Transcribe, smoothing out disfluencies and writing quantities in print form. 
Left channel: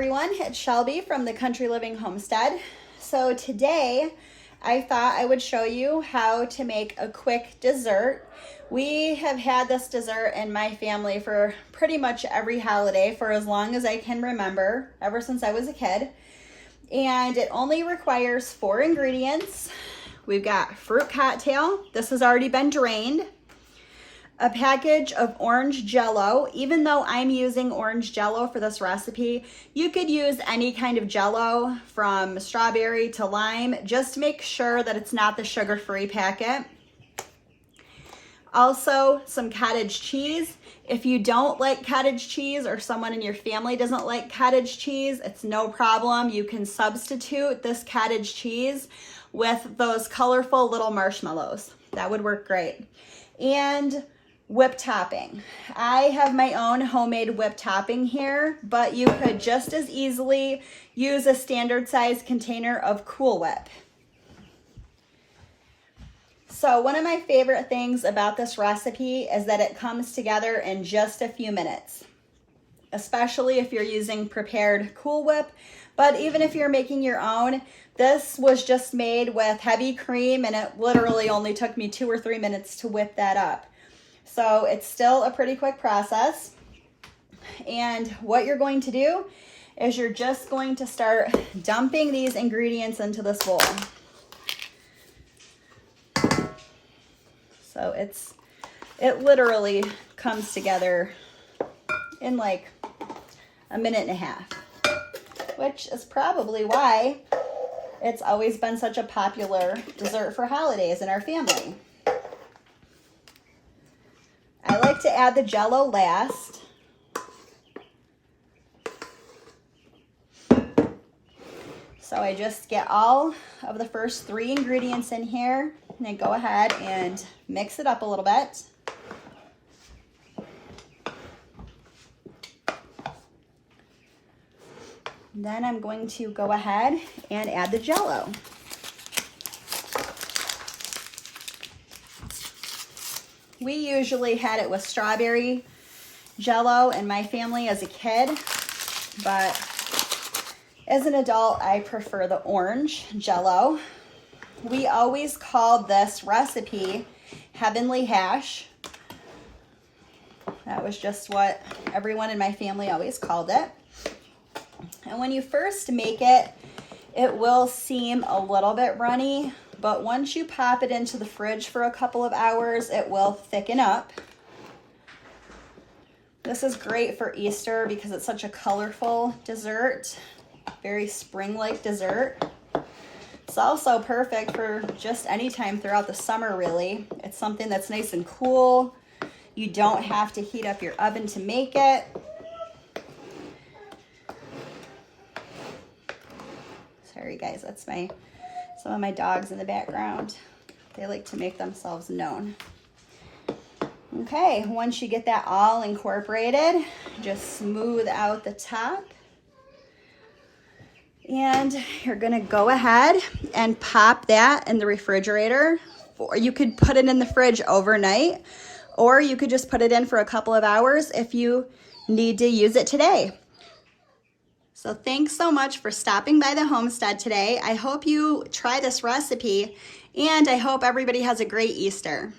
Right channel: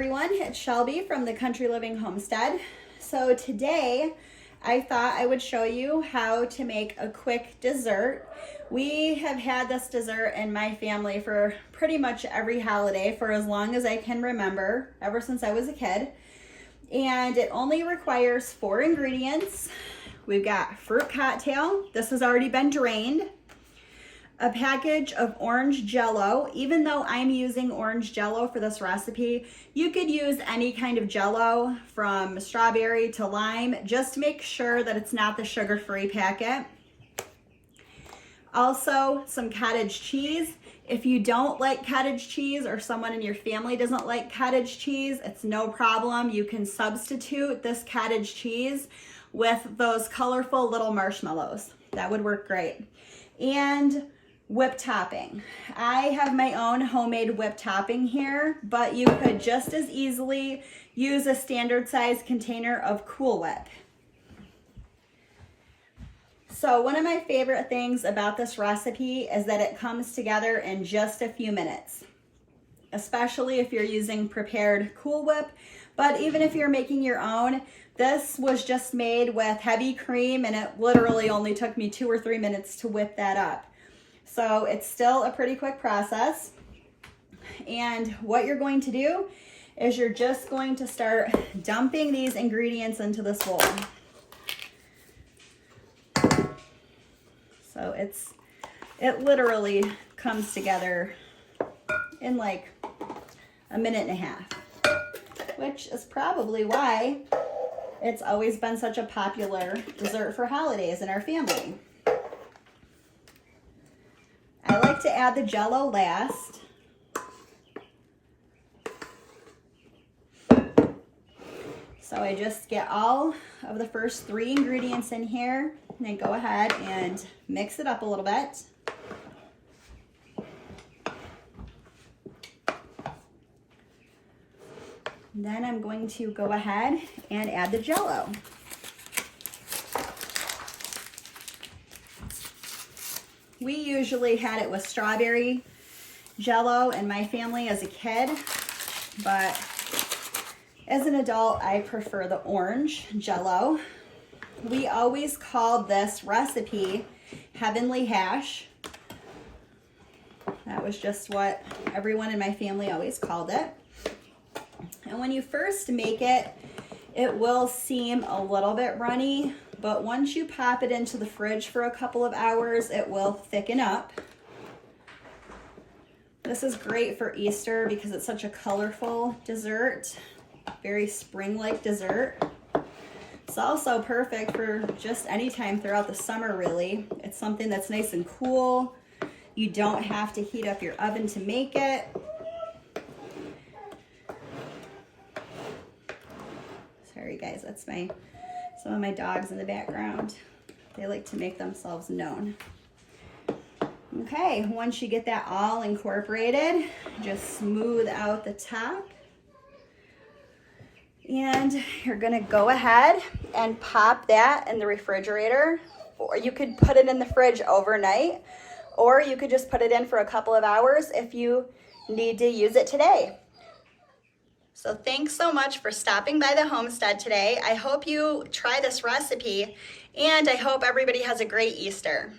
everyone, it's Shelby from the Country Living Homestead. So today I thought I would show you how to make a quick dessert. We have had this dessert in my family for pretty much every holiday for as long as I can remember, ever since I was a kid. And it only requires 4 ingredients. We've got fruit cocktail. This has already been drained. A package of orange Jello. Even though I'm using orange Jello for this recipe, you could use any kind of Jello from strawberry to lime. Just make sure that it's not the sugar-free packet. Also, some cottage cheese. If you don't like cottage cheese or someone in your family doesn't like cottage cheese, it's no problem. You can substitute this cottage cheese with those colorful little marshmallows. That would work great. And whip topping. I have my own homemade whip topping here, but you could just as easily use a standard size container of Cool Whip. So one of my favorite things about this recipe is that it comes together in just a few minutes, especially if you're using prepared Cool Whip. But even if you're making your own, this was just made with heavy cream and it literally only took me 2 or 3 minutes to whip that up. So it's still a pretty quick process. And what you're going to do is you're just going to start dumping these ingredients into this bowl. So it literally comes together in like a minute and a half, which is probably why it's always been such a popular dessert for holidays in our family. I like to add the Jello last. So I just get all of the first 3 ingredients in here and then go ahead and mix it up a little bit. Then I'm going to go ahead and add the Jello. We usually had it with strawberry Jello in my family as a kid, but as an adult, I prefer the orange Jello. We always called this recipe Heavenly Hash. That was just what everyone in my family always called it. And when you first make it, it will seem a little bit runny, but once you pop it into the fridge for a couple of hours, it will thicken up. This is great for Easter because it's such a colorful dessert, very spring-like dessert. It's also perfect for just any time throughout the summer, really. It's something that's nice and cool. You don't have to heat up your oven to make it. Sorry guys, that's some of my dogs in the background. They like to make themselves known. Okay, once you get that all incorporated, just smooth out the top. And you're gonna go ahead and pop that in the refrigerator. Or you could put it in the fridge overnight, or you could just put it in for a couple of hours if you need to use it today. So thanks so much for stopping by the homestead today. I hope you try this recipe, and I hope everybody has a great Easter.